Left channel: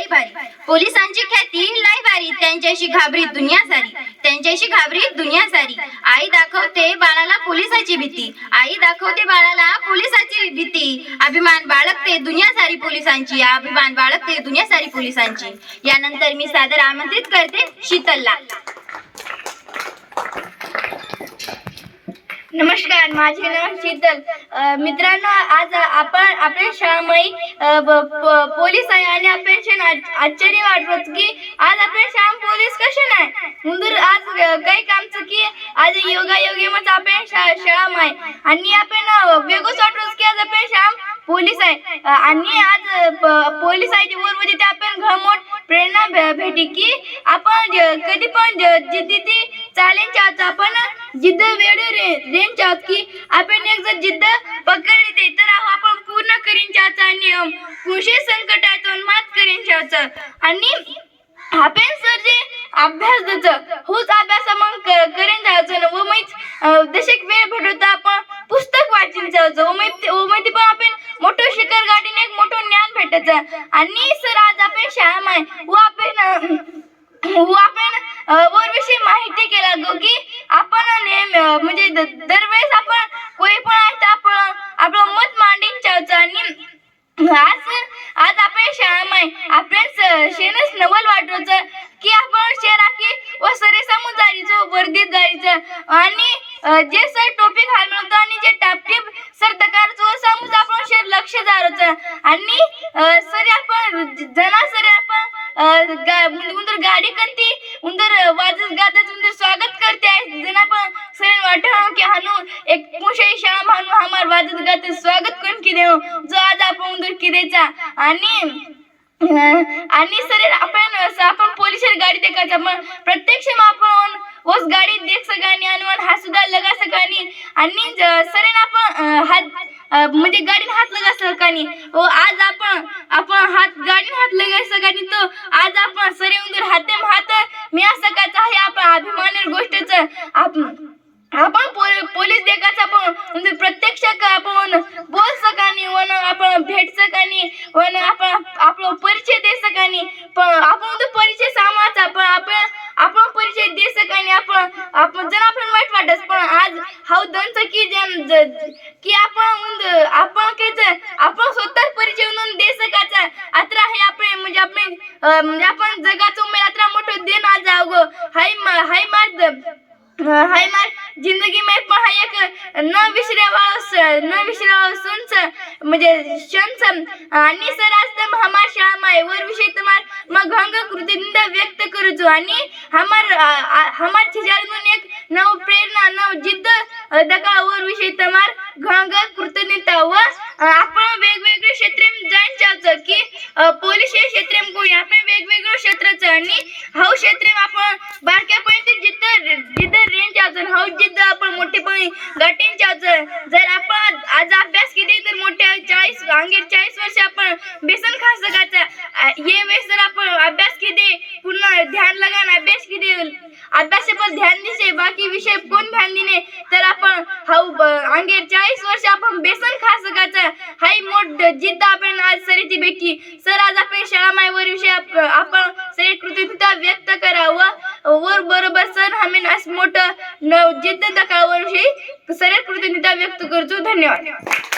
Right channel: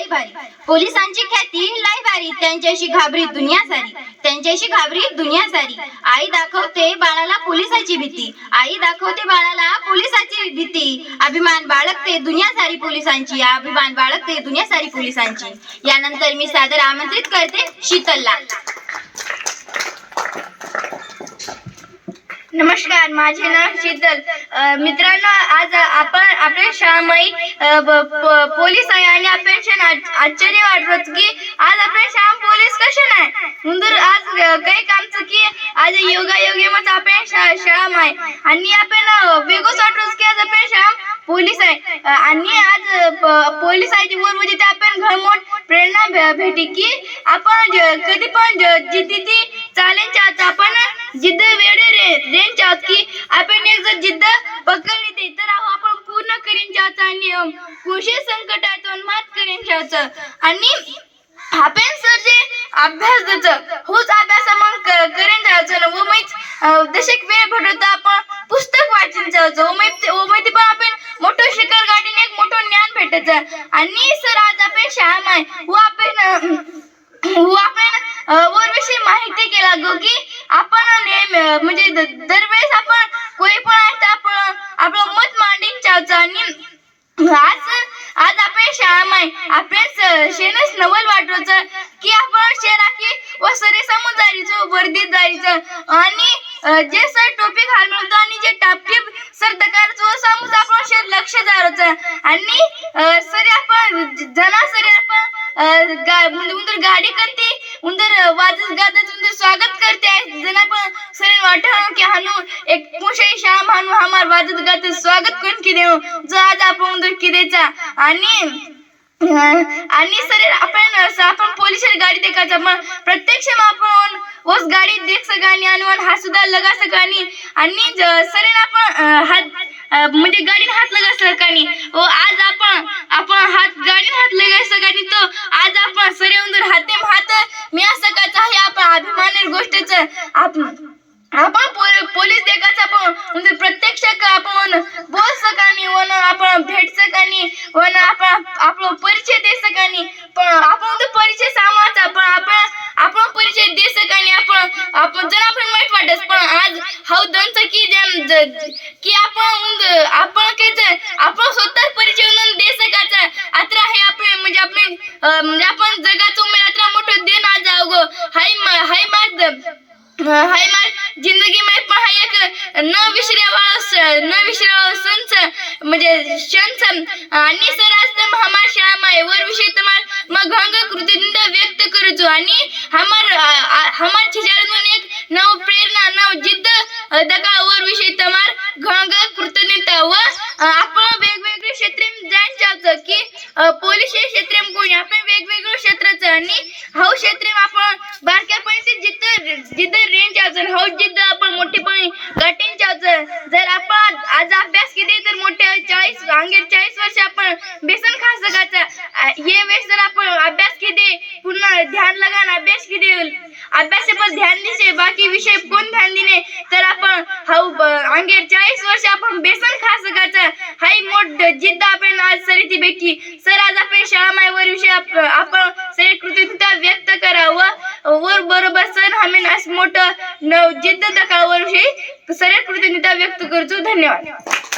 लई भारी पोलिसांची ख्याती लई भारी त्यांच्याशी घाबरी दुनिया सारी त्यांच्याशी घाबरी दुनिया सारी आई दाखवते बाळाला पोलिसाची भीती. आई दाखवते बाळाला पोलिसाची भीती. अभिमान बाळगते दुनिया सारी पोलिसांची. अभिमान बाळगते दुनिया सारी पोलिसांची. यानंतर मी सादर आमंत्रित करते शीतलला. नमस्कार. माझे नाव शीतल. मित्रांनो आज आपण आपल्या शाळामाई प- पोलीस आहे आणि पेन्शन आश्चर्य वाटत की आज आपल्या शाळा पोलीस कसे नाही? म्हणून आज काही कामचं की आज योगा योगे आपण शाळा माय आणि आपण वेगळंच वाटत की आज आपण शाळा पोलीस आहे. आणि आज प- पोलीस आहे बरोबर वर आपण ते आपण भे- भेटी की आपण कधी पण ज- जिद्दी ती चालेल चाच आपण जिद्द वेळ रे रेन चाच की आपण एक जर जिद्द पकडली ते तर आहो आपण पूर्ण करीन चाच आणि कृषी संकटातून मात करीन चाच आणि आपण सर जे अभ्यास देतं होच अभ्यास मग करेन जायचं. व मग दशक वेळ भेटतो आपण पुस्तक वाचून जायचं. व मग व पण आपण मोठं शिखर गाठीने एक मोठं ज्ञान भेटायचं आणि सर आज आपण शाळा आहे. व आपण वरविषयी माहिती केला गो की आपण नेहमी म्हणजे दरवेळेस आपण कोणी पण आहे आपण आपलं मत मांडीन चावचं आणि आज आज आपण शाळा माय आपण शेणच नवल वाटवचं की आपण शेरा की व सरे समोर जायचं वर्दीत जायचं. आणि जे सर टोपी घालून आणि जे टापटीप सर दकारचं समोर आपण शेर लक्ष जायचं आणि सर आपण जना सर उंदर गाडी करते उंदर वाजत गाजत उंदर स्वागत करते. जना पण सरेन सर की हानू एक मुशे श्याम हानू हमार वाजत गाजत स्वागत करून की देऊ जो आज आपण उंदर किदेचा? आणि आणि सर आपण असं आपण पोलीस गाडी देखायचा आपण प्रत्यक्ष आपण वस गाडी देख सकानी आणि हात सुद्धा लगा सकानी. आणि सर आपण हात म्हणजे गाडीने हात लगा सकानी. ओ आज आपण आपण हात गाडीने हात लगा सकानी तो. आज आपण सरे उंदर हाते हात मी असं सकायचं आहे आपण अभिमानी गोष्टीचं. आपण आपण पोल- पोलीस देखाचं आपण म्हणजे प्रत्यक्ष आपण बोल सकानी वन आपण भेट सकानी वन आपण आपला परिचय दे सकानी पण आपण तो परिचय सामाचा पण आपण आपण परिचय दे सकानी आपण आपण जर आपण वाईट वाटत पण आज हाऊ दंत की जन की आपण उंद- आपण काय ते- आपण स्वतः परिचय म्हणून दे सकाचा अत्रा हे आपण म्हणजे, म्हणजे आपण म्हणजे आपण जगाचं उमेद अत्रा मोठं दे ना जाऊ गो. हाय मा- हाय मार्ग हाय मार जिंदगी न विसरावा न विसरावा संच म्हणजे क्षणच आणि सर आज तर हमार शाळा माय वर विषय तुम्हार मग अंग कृतज्ञता व्यक्त करतो आणि हमार हमार छिजारून एक नव प्रेरणा नव जिद्द अ, दका वर विषय तुम्हार घंग कृतज्ञता व आपण वेगवेगळे क्षेत्र जाण चावतं की पोलीस हे क्षेत्र कोणी? आपण वेगवेगळं क्षेत्राचं आणि हाऊ क्षेत्र आपण बारक्यापणी ते जिद्द जिद्द रेंज चावचं हाऊ जिद्द मोठे मोठेपणी गाठीन जर आपण आज अभ्यास केले तर मोठे चाळीस अंगे चाळीस वर्ष आपण बेसन खा सकायचं हे वेळेस जर आपण अभ्यास केले पुन्हा ध्यान लगान अभ्यास केले अभ्यास पण ध्यान दिसे बाकी विषय कोण ध्यान दिने तर आपण हाऊ अंगेर चाळीस वर्ष आपण बेसन खा सकायचं हाई मोठ जिद्द आपण आज सरिती भेटली सर आज आपण शाळा मायवर विषय आपण सर कृतज्ञता व्यक्त करावं. वर बरोबर सर आम्ही आज मोठं न जिद्द दाखवावर विषयी कृतज्ञता व्यक्त करतो. धन्यवाद.